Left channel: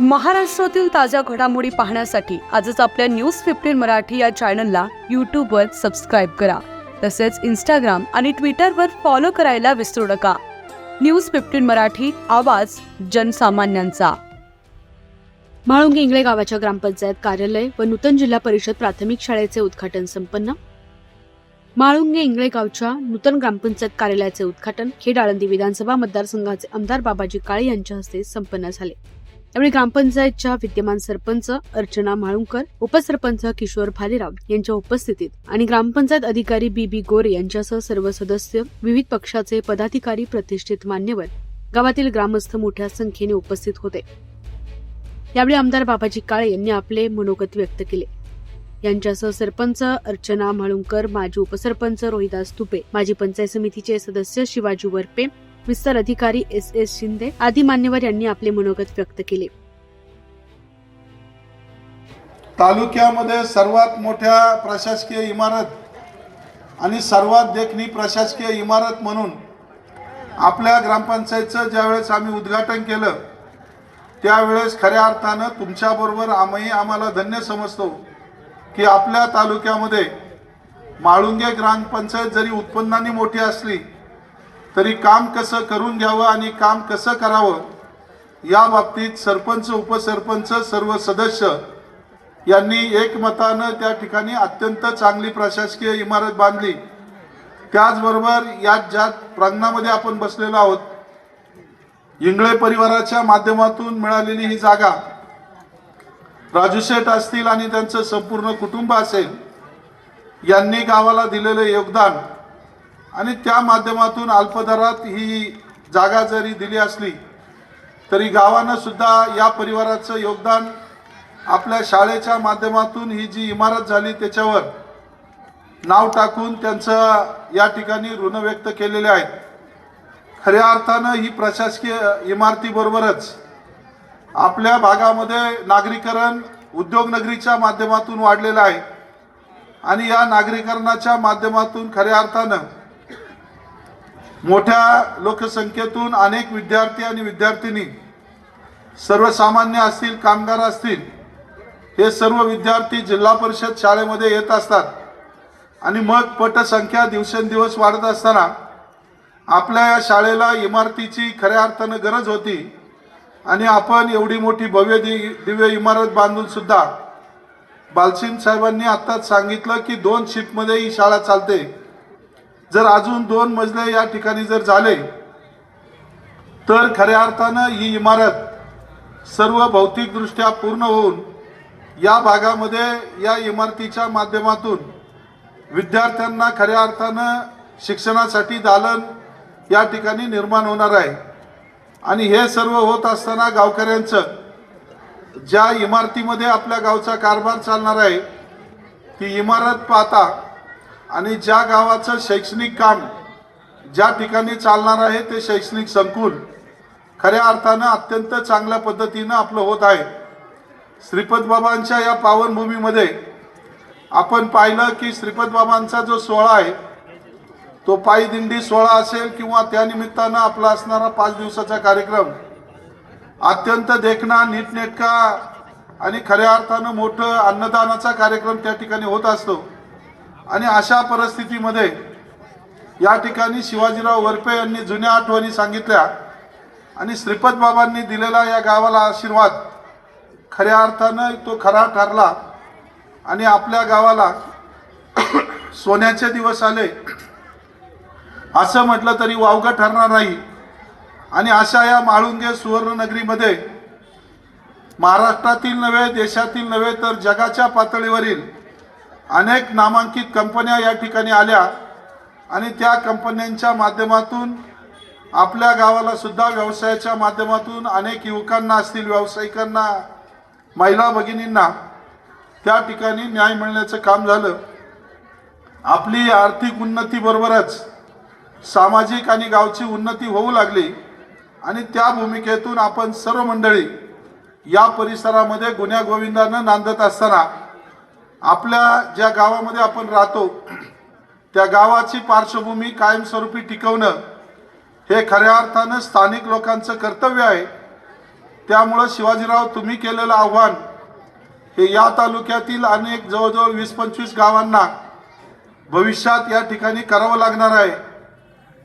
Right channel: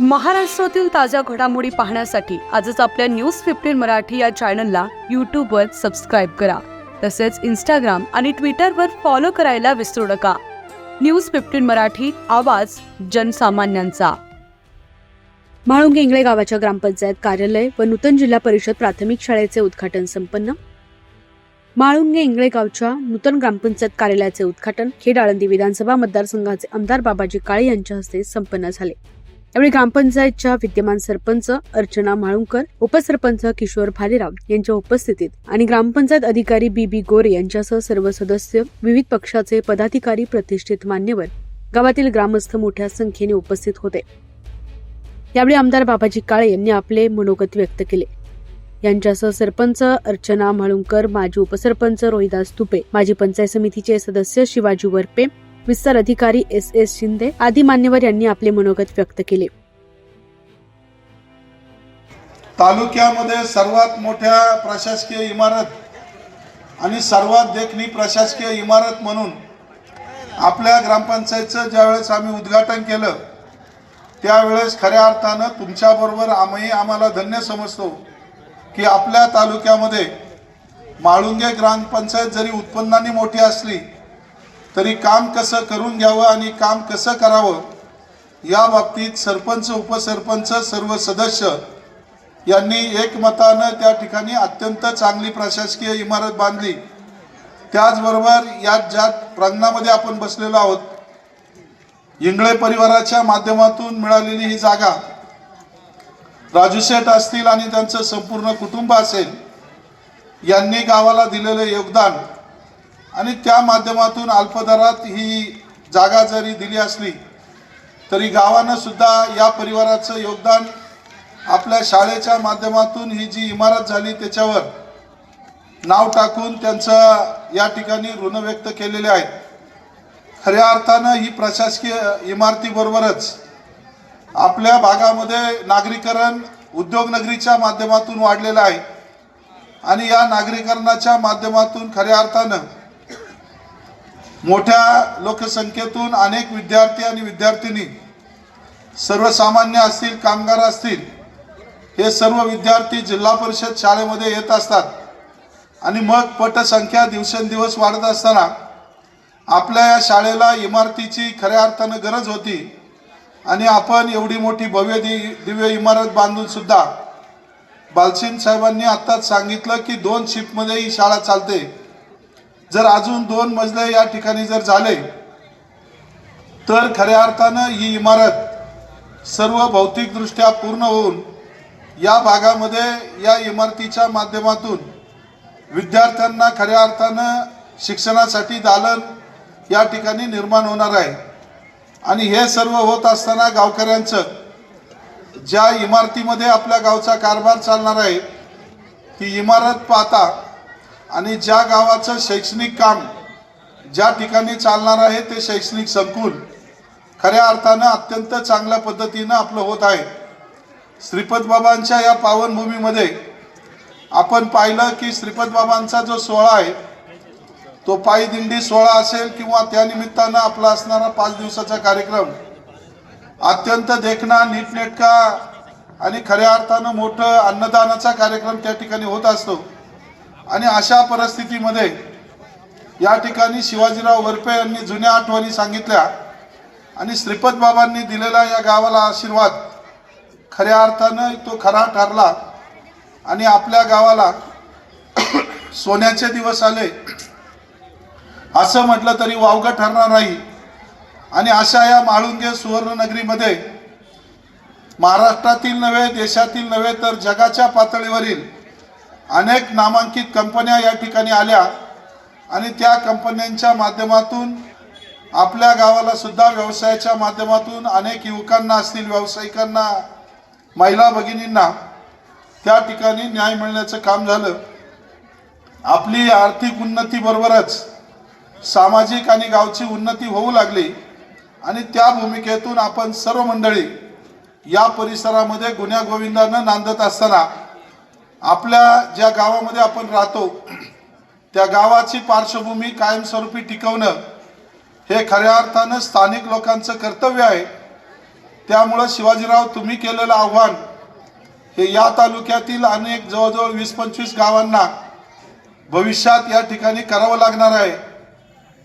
महाराष्ट्रातील ताज्या घडामोडी पाहण्यासाठी आजच आपल्या न्यूज फिफ्टीन मराठी या चॅनलला यूट्यूबवर सबस्क्राईब करा. तसेच इंस्टाग्राम आणि ट्विटरवर फॉलो करायला विसरू नका. न्यूज फिफ्टीन मराठी आवाज जनसामान्यांचा. म्हाळुंग इंगळे गावाच्या ग्रामपंचायत कार्यालय व नूतन जिल्हा परिषद प्राथमिक शाळेचे उद्घाटन संपन्न. माळुंगे इंगळे गावच्या नूतन ग्रामपंचायत कार्यालयाचे उद्घाटन खेड आळंदी विधानसभा मतदारसंघाचे आमदार बाबाजी काळे यांच्या हस्ते संपन्न झाले. यावेळी ग्रामपंचायतच्या विद्यमान सरपंच अर्चना म्हाळुंकर उपसरपंच किशोर भालेराव यांच्या उपस्थितीत आणि ग्रामपंचायत अधिकारी बी बी गोरे यांच्यासह सर्व सदस्य विविध पक्षाचे पदाधिकारी प्रतिष्ठित मान्यवर गावातील ग्रामस्थ मोठ्या संख्येने उपस्थित होते. यावेळी आमदार बाबाजी काळे यांनी आपले मनोगत व्यक्त केले. यांच्यासह सरपंच अर्चना म्हाळुंकर माजी उपसरपंच रोहिदास तुपे माजी पंचायत समितीचे सदस्य शिवाजी वरपे विस्तार अधिकारी एस एस शिंदे आदी मान्यवर यांनी आपले मनोगत व्यक्त केले. तालुक्यामध्ये सर्वात मोठ्या प्रशासकीय इमारत आणि सर्वात देखणी प्रशासकीय इमारत म्हणून आपल्या ग्रामपंचायतचं ज्यावेळेस आम्ही उद्घाटन केलं त्यावेळेस खऱ्या अर्थानं तुमच्याबरोबर आम्ही आम्हाला धन्य समजतो की आपल्या तालुक्यामध्ये माळुंगे ग्रामपंचायत जरी उत्पन्नाने मोठी असली तरी काम कसं करून घ्यावं आणि काम कसं करावं? या बाबतीत सरपंच उपसरपंच सर्व सदस्य यांनी एकमतानं त्या ठिकाणी अत्यंत चांगली प्रशासकीय इमारत बांधली. त्याचबरोबर या ज्या प्रांगणामध्ये आपण बसलेलो आहोत इंगळे परिवाराच्या माध्यमातून मिळालेली ही जागा राजू शेठ असतील आणि त्यांचं संपूर्ण कुटुंब असेल यांनी गावाला दिलेलं योगदान आणि त्या माध्यमातून अल्पदरात ही जागा जरी दिली असली तरी गावानं सुद्धा या परिवाराचं योगदान आपल्या शाळेच्या माध्यमातून ही जी इमारत झाली त्याच्यावर नाव टाकून त्यांचं या ठिकाणी ऋण व्यक्त केलेले आहेत. खऱ्या अर्थानं ही प्रशासकीय इमारतीबरोबरच आपल्या भागामध्ये नागरीकरण उद्योगनगरीच्या माध्यमातून वाढलेलं आहे. आणि या नागरीकरणाच्या माध्यमातून खऱ्या अर्थानं मोठ्या लोकसंख्येतून अनेक विद्यार्थी आणि विद्यार्थिनी सर्वसामान्य असतील कामगार असतील हे सर्व विद्यार्थी जिल्हा परिषद शाळेमध्ये येत असतात. आणि मग पटसंख्या दिवसेंदिवस वाढत असताना आपल्या या शाळेला इमारतीची खऱ्या अर्थानं गरज होती. आणि आपण एवढी मोठी भव्य दि दिव्य इमारत बांधून सुद्धा बालसिंग साहेबांनी आत्ताच सांगितलं की दोन शिफ्टमध्ये ही शाळा चालते. जर अजून दोन मजले या ठिकाणी जर झाले तर खऱ्या अर्थानं ही इमारत सर्व भौतिकदृष्ट्या पूर्ण होऊन या भागामध्ये या इमारतीच्या माध्यमातून विद्यार्थ्यांना खऱ्या अर्थानं शिक्षणासाठी दालन या ठिकाणी निर्माण होणार आहे. आणि हे सर्व होत असताना गावकऱ्यांचं ज्या इमारतीमध्ये आपल्या गावचा कारभार चालणार आहे ती इमारत पाहता आणि ज्या गावाचं शैक्षणिक काम ज्या ठिकाणी चालणार आहे ते शैक्षणिक संकुल खऱ्या अर्थानं अत्यंत चांगल्या पद्धतीनं आपलं होत आहे. श्रीपद बाबांच्या या पावनभूमीमध्ये आपण पाहिलं की श्रीपद बाबांचा जो सोहळा आहे तो पायी दिंडी सोहळा असेल किंवा त्यानिमित्तानं आपला असणारा पाच दिवसाचा कार्यक्रम अत्यंत देखणा नीटनेटका आणि खऱ्या अर्थानं मोठं अन्नदानाचा कार्यक्रम त्या ठिकाणी होत असतो. आणि अशा परिस्थितीमध्ये या ठिकाणी शिवाजीराव वरपे यांनी जुन्या आठवणी सांगितल्या आणि श्रीपद बाबांनी दिलेला या गावाला आशीर्वाद खऱ्या अर्थानं तो खरा ठरला आणि आपल्या गावाला सोन्याचे दिवस आले. असं म्हटलं तरी वावगं ठरणार नाही. आणि अशा या माळुंगे सुवर्णनगरीमध्ये महाराष्ट्रातील नव्हे देशातील नव्हे तर जगाच्या पातळीवरील अनेक नामांकित कंपन्या या ठिकाणी आल्या आणि त्या कंपन्यांच्या माध्यमातून आपल्या गावाला सुद्धा व्यवसायाच्या माध्यमातून अनेक युवकांना असतील व्यावसायिकांना महिला भगिनींना त्या ठिकाणी न्याय मिळण्याचं काम झालं. आपली आर्थिक उन्नतीबरोबरच सामाजिक आणि गावची उन्नती होऊ लागली आणि त्या भूमिकेतून आपण सर्व मंडळी या परिसरामध्ये गुन्ह्या गोविंदानं नांदत असताना आपल्या ज्या गावामध्ये आपण राहतो त्या गावाची पार्श्वभूमी कायमस्वरूपी टिकवणं हे खऱ्या अर्थानं स्थानिक लोकांचं कर्तव्य आहे. त्यामुळं शिवाजीराव तुम्ही केलेलं आव्हान हे या तालुक्यातील अनेक जवळजवळ वीस पंचवीस गावांना भविष्यात या ठिकाणी करावं लागणार आहे.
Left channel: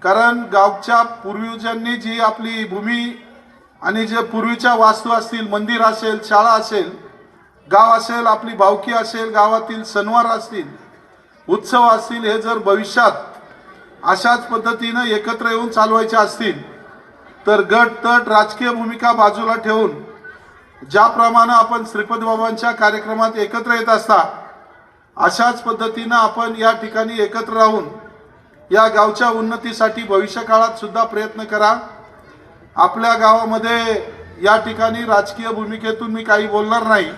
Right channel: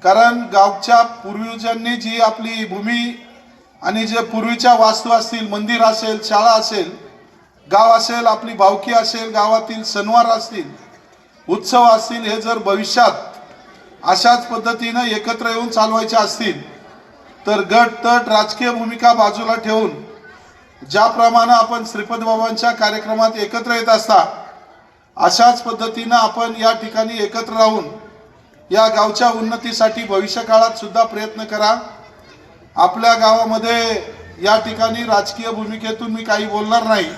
कारण गावच्या पूर्वजांनी जी आपली भूमी आणि जे पूर्वीच्या वास्तू असतील मंदिर असेल शाळा असेल गाव असेल आपली भावकी असेल गावातील सणवार असतील उत्सव असतील हे जर भविष्यात अशाच पद्धतीनं एकत्र येऊन चालवायचे असतील तर गट तट राजकीय भूमिका बाजूला ठेवून ज्याप्रमाणे आपण श्रीपद बाबांच्या कार्यक्रमात एकत्र येत असता अशाच पद्धतीनं आपण या ठिकाणी एकत्र राहून या गावच्या उन्नतीसाठी भविष्यकाळात सुद्धा प्रयत्न करा. आपल्या गावामध्ये या ठिकाणी राजकीय भूमिकेतून मी काही बोलणार नाही.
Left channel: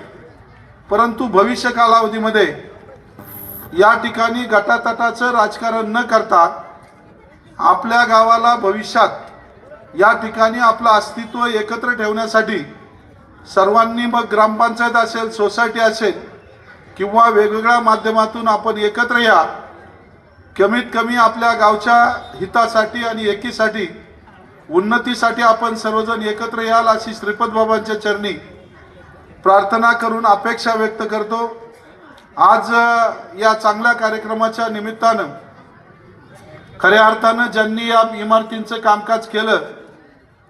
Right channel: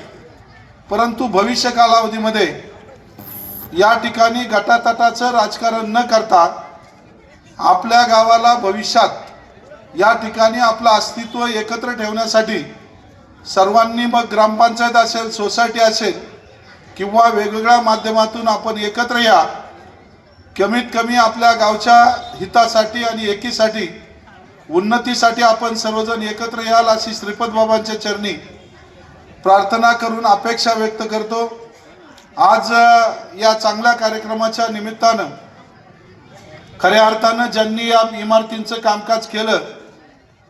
परंतु भविष्य कालावधीमध्ये या ठिकाणी गटातटाचं राजकारण न करता आपल्या गावाला भविष्यात या ठिकाणी आपलं अस्तित्व एकत्र ठेवण्यासाठी सर्वांनी मग ग्रामपंचायत असेल सोसायटी असेल किंवा वेगवेगळ्या माध्यमातून आपण एकत्र या कमीत कमी आपल्या गावच्या हितासाठी आणि एकीसाठी उन्नतीसाठी आपण सर्वजण एकत्र याल अशी श्रीपद बाबांच्या चरणी प्रार्थना करून अपेक्षा व्यक्त करतो. आज या चांगल्या कार्यक्रमाच्या निमित्तानं खऱ्या अर्थानं ज्यांनी या इमारतींचं कामकाज केलं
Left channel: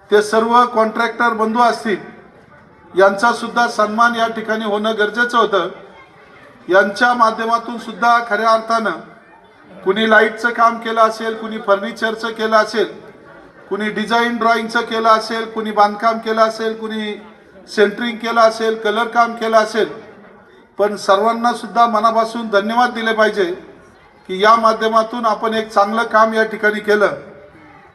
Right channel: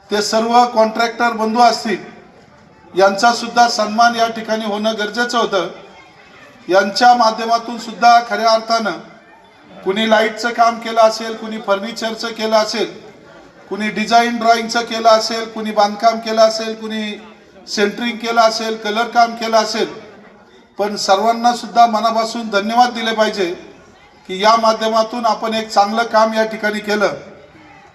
ते सर्व कॉन्ट्रॅक्टर बंधू असतील यांचा सुद्धा सन्मान या ठिकाणी होणं गरजेचं होतं. यांच्या माध्यमातून सुद्धा खऱ्या अर्थानं कुणी लाईटचं काम केलं असेल कुणी फर्निचरचं केलं असेल कुणी डिझाईन ड्रॉइंगचं केलं असेल कुणी बांधकाम केलं असेल कुणी सेंटरिंग केलं असेल कलर काम केलं असेल पण सर्वांना सुद्धा मनापासून धन्यवाद दिले पाहिजे की या माध्यमातून आपण एक चांगलं काम या ठिकाणी केलं.